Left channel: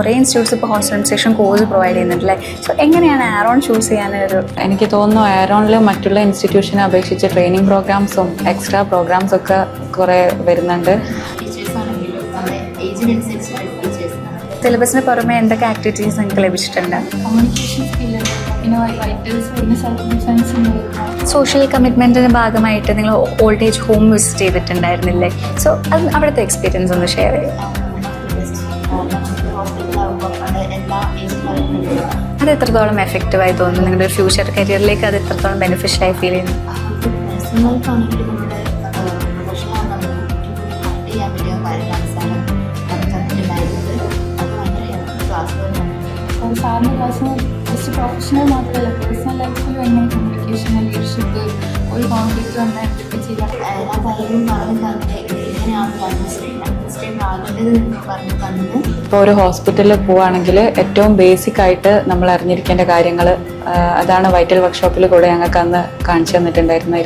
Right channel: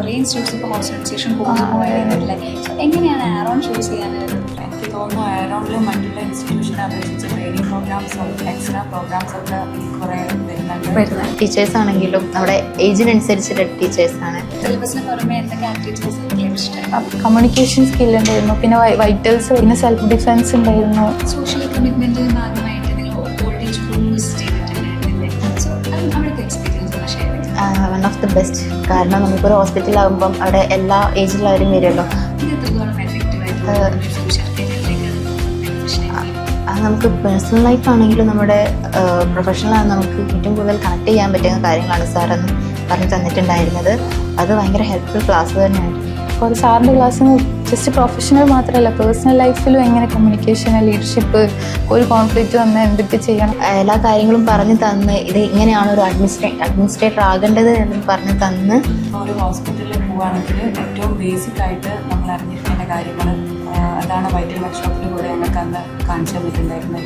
കുറേ ഇൻസ്റ്റിറ്റ്യൂട്ട്സ് ഇപ്പോൾ hostel administration course provide ചെയ്യുന്നുണ്ടല്ലേ. സോ എങ്ങനെയാണ് ആരോൺ ചൂസ് ചെയ്യാനൊരു? എനിക്ക് തോന്നുന്നു ആരോണിൽ മറ്റുള്ള ഇൻസ്റ്റിറ്റ്യൂഷനെ അപേക്ഷിച്ച് ട്രെയിനിങ് പ്രോഗ്രാംസും എക്സ്ട്രാ പ്രോഗ്രാംസ് ഒക്കെ കുറേ വരുന്നുണ്ട്. ടീച്ചേഴ്സ് ആണെങ്കിലും നമ്മുടെ ഏജിനനുസരിച്ചുള്ള ടീച്ചേഴ്സാണ്. സിലബസിന് പുറമെ എന്തൊക്കെ ആക്ടിവിറ്റീസ് നിങ്ങൾക്ക് ലഭിച്ചിട്ടുണ്ട്? കമ്മ്യൂണിക്കേഷൻ സ്കിൽ ഉണ്ടായിരുന്നു, പിന്നെ വൈറ്റൽസ്, പിന്നെ സെൽഫ് ഡിഫെൻസ് ഉണ്ടായിരുന്നു. സോഷ്യൽ കമ്മിറ്റ്മെൻറ്റിൻ്റെ ഭാഗമായിട്ട് നിങ്ങൾ ഓൾഡ് ഏജ് ഹോം വിസിറ്റ് ചെയ്തിട്ടുണ്ടായിരുന്നില്ലേ? സോ അത് അവിടുത്തെ എക്സ്പീരിയൻസ് ഒന്ന് ഷെയർ ചെയ്യാം. One of the best. കാരണം നമുക്കൊരു ഹോസ്പിറ്റലാകുമ്പം അവിടെ എല്ലാ ഏജിലുള്ളവരും വരുമല്ലോ. അത് എത്രത്തോളം എഫക്റ്റീവായി തോന്നുന്നു? നിങ്ങളുടെ ഫ്യൂച്ചർ കരിയറിലേക്ക് അത് എത്രത്തോളം ബെനിഫിഷ്യലായി ഫീൽ ചെയ്യുന്നു? നമുക്ക് പേഴ്സണൽ ലൈഫ് ആണെങ്കിലും നമ്മുടെ പ്രൊഫഷണലായി നമുക്ക് ഏറ്റവും കൂടുതൽ കണക്ട് ചെയ്യാൻ പറ്റുന്ന കാര്യങ്ങളാണ് സാർ പറഞ്ഞു തന്നിട്ടുണ്ടായിരുന്നത്. അത് ഭയങ്കര ഹെൽപ്ഫുൾ ക്ലാസ് തന്നെയാണ്. അപ്പോൾ സാറിൻ്റെ ക്ലാസ്സിന് ജസ്റ്റ് പ്രൊഫഷണൽ മാത്രമല്ല, പേഴ്സണൽ ലൈഫിലും എങ്ങനെ കമ്മ്യൂണിക്കേഷൻ, ലീഡർഷിപ്പ്, ഒരു കോൺഫ്ലിക്റ്റ് വന്ന് എന്തൊക്കെ ചെയ്യണം, എല്ലാ കാര്യങ്ങളും പറഞ്ഞു തന്ന് ഇത് ഇങ്ങനെയാണ് ഒരു അഡ്മിനിസ്ട്രേറ്റർ ആകേണ്ടത് എന്ന് പറഞ്ഞു തന്ന്. ഇപ്പോൾ ഒരു ഹോസ്പിറ്റലിൽ പോവുകയാണെങ്കിൽ ഏറ്റവും ബേസിക് ആയിട്ട് നമ്മൾ അറിഞ്ഞിരിക്കേണ്ട കാര്യങ്ങൾ അതാണ് വൈറ്റൽ വർക്ക്ഷോപ്പിൽ കൂടെ ഞങ്ങൾക്ക് അന്ന് കാണിച്ചു തന്നിട്ടുണ്ടായിരുന്നു.